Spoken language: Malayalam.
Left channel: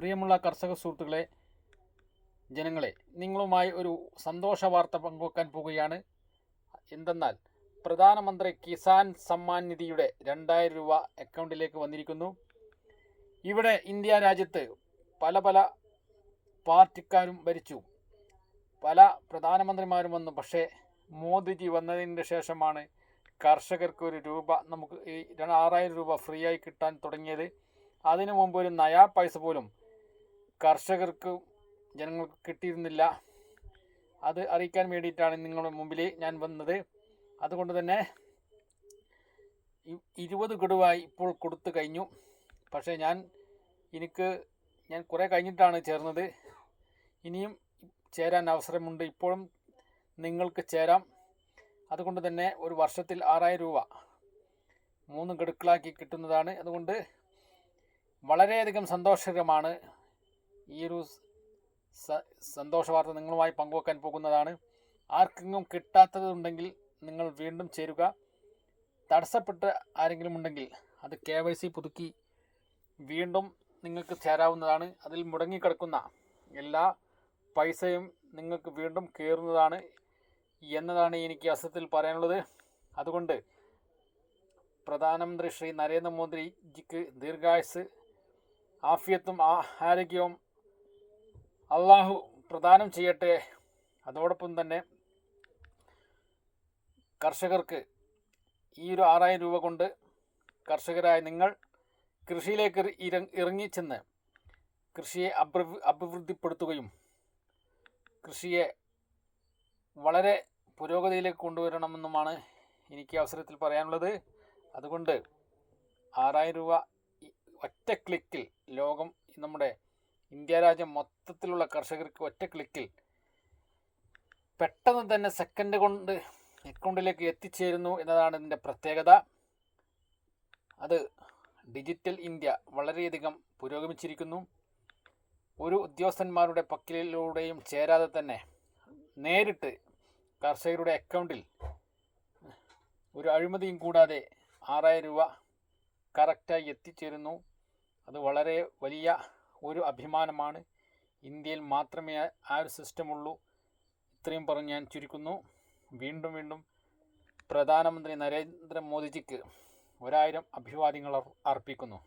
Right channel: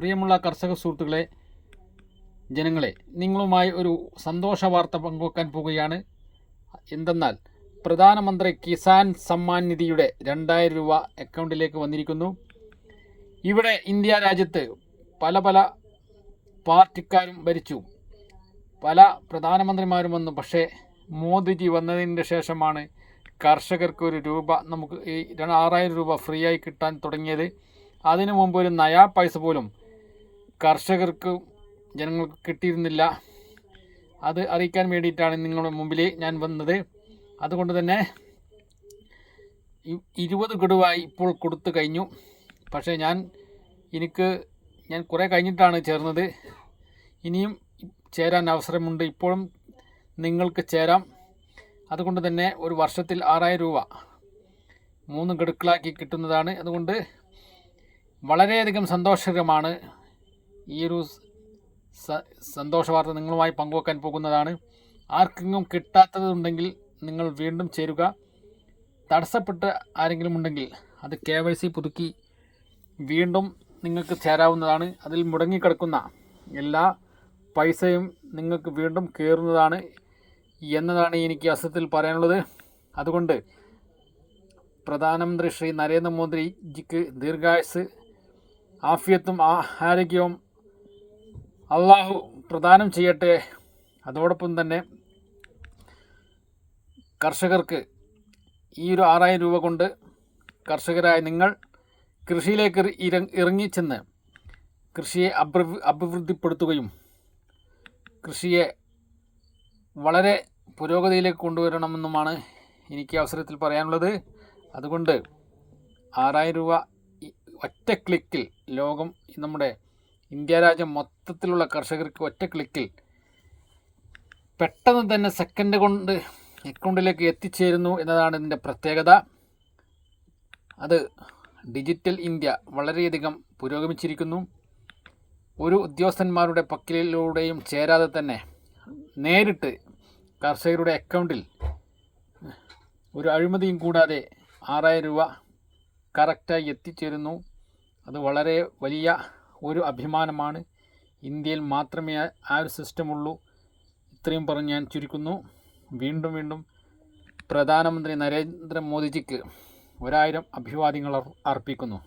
പ്രിയമുള്ള കർഷക സുഹൃത്തുക്കളെ, ജനങ്ങളെ, നിങ്ങളുമായി ഒരു സന്തോഷ വാർത്ത പങ്കുവെക്കാൻ പോകുകയാണ്. എന്തെന്നാൽ പ്രധാനമന്ത്രി കിസാൻ സമ്മാൻ നിധിയുടെ 2000 രൂപ അക്കൗണ്ടിലേക്ക് വന്നിരിക്കുന്നു. ഇവിടെ ഇന്ത്യ രാജ്യത്ത് പല പല പാർട്ടിക്കാരും ഭരിച്ചു, പല പ്രധാനമന്ത്രിമാരും വന്നു. പക്ഷേ മോദിജി വന്നതിന് ശേഷമാണ് കർഷകർക്ക് ഒരു രൂപ, നമുക്ക് ഈ 6000 രൂപ ഫ്രീ ആയി കിട്ടാൻ തുടങ്ങിയത്. അതിനു മുമ്പ് ഒരു നയാ പൈസ പോലും കർഷകർക്ക് ജനങ്ങൾക്ക് കിട്ടിയിരുന്നില്ല. അത് അറിയിക്കാൻ വേണ്ടിയിട്ടാണ് നിങ്ങളുടെ മുമ്പിൽ ഞാൻ വന്നത്. അതുകൊണ്ട് തന്നെ 20 ഗഡുവായി ഇപ്പോൾ കൊടുത്തു കഴിഞ്ഞു. പക്ഷേ ഞാൻ കുറേ കഴിഞ്ഞിട്ടാണ് ചേർന്നത്. ഇനിയും ചേരാൻ അവസരമുണ്ട്. ഇപ്പോഴും നിങ്ങൾക്ക് ചേരാം. അതുകൊണ്ട് തന്നെ ഒരു വർഷത്തിൽ 6000 രൂപ 3 ഗഡുക്കളാക്കി കിട്ടുന്നതാണ്. അതുകൊണ്ട് വളരെയധികം സന്തോഷകരമാണ്. ഈ ഒരു സന്തോഷ വാർത്ത നിങ്ങളുമായി പങ്കുവെക്കാൻ പോകുന്നതാണ്. ആർക്കെങ്കിലും കിട്ടാത്തതുണ്ടെങ്കിൽ നിങ്ങൾ വീണ്ടും ചേരുക. തടസ്സപ്പെട്ട് ആരെങ്കിലും ഉണ്ടെങ്കിൽ അത് KYC പുതുക്കി വീണ്ടും നിങ്ങൾക്ക് ചേരാവുന്നതാണ്. അതിൽ മുടങ്ങിക്കിടക്കുന്ന എല്ലാ പൈസയും നിങ്ങൾക്ക് വീണ്ടും കയറുന്നതാണ് എന്നതാണ് എനിക്ക് അവസരത്തിൽ പറയാനുള്ളത്. അതുകൊണ്ട് പ്രധാനമന്ത്രി ശ്രീ നരേന്ദ്രമോദിജിക്ക് ദീർഘായുസ്, ആഫിയത്തും ആരോഗ്യവും അള്ളാഹു പ്രദാനം ചെയ്യട്ടെ. അതോടൊപ്പം തന്നെ കർഷകർക്ക് ഈ ഒരു 6000 രൂപ കൊണ്ട് കർഷകരായ നിങ്ങൾ കൃഷിയിലേക്ക് ഇറങ്ങിച്ചെന്ന് കൃഷിയെ അഭിവൃദ്ധിപ്പെടുത്തുകയും കൃഷിയെ വളരെ പുരോഗതിയിലേക്ക് കൊണ്ടുവരണമെന്നുമാണ് എനിക്ക് അവസരത്തിൽ പറയാനുള്ളത്. അതുകൊണ്ട് 6000 രൂപ ഒറ്റ ക്ലിക്കിൽ നമ്മുടെ ഇന്ത്യ രാജ്യം മൊത്തത്തിലുള്ള കർഷകർക്ക് ഒറ്റ ക്ലിക്കിൽ പെട്ടെന്ന് തന്നെ സെക്കൻഡ് കൊണ്ട് അക്കൗണ്ടിലേക്ക് എത്തിച്ചേരുന്നു എന്നതാണ് ഇതിൻ്റെ പ്രത്യേകത. അത് ഡിജിറ്റൽ ഇന്ത്യ വളരെയധികം പുരോഗമിച്ചിരിക്കുന്നു. ഒരു ഉദ്യോഗസ്ഥന്മാരുടെ പക്കലിലൂടെയും ചേരാതെ തന്നെ നേരിട്ട് കർഷകരുടെ അക്കൗണ്ടിൽ ഒരു അഴിമതിയും കൂടാതെ 6000 രൂപ കറക്റ്റായി എത്തിച്ചേരുന്നു. അത് വളരെ വലിയ ഒരു അഭിമാനമാണ്. ഇന്ത്യയിൽ മാത്രമേ ആ ഒരു സിസ്റ്റമുള്ളൂ. ഇത്രയും പറഞ്ഞ് ഞാൻ ചുരുക്കുന്നു. വീണ്ടും പ്രധാനമന്ത്രി നരേന്ദ്രമോദിജിക്ക് 1000 അഭിവാദ്യങ്ങൾ അർപ്പിക്കുന്നു.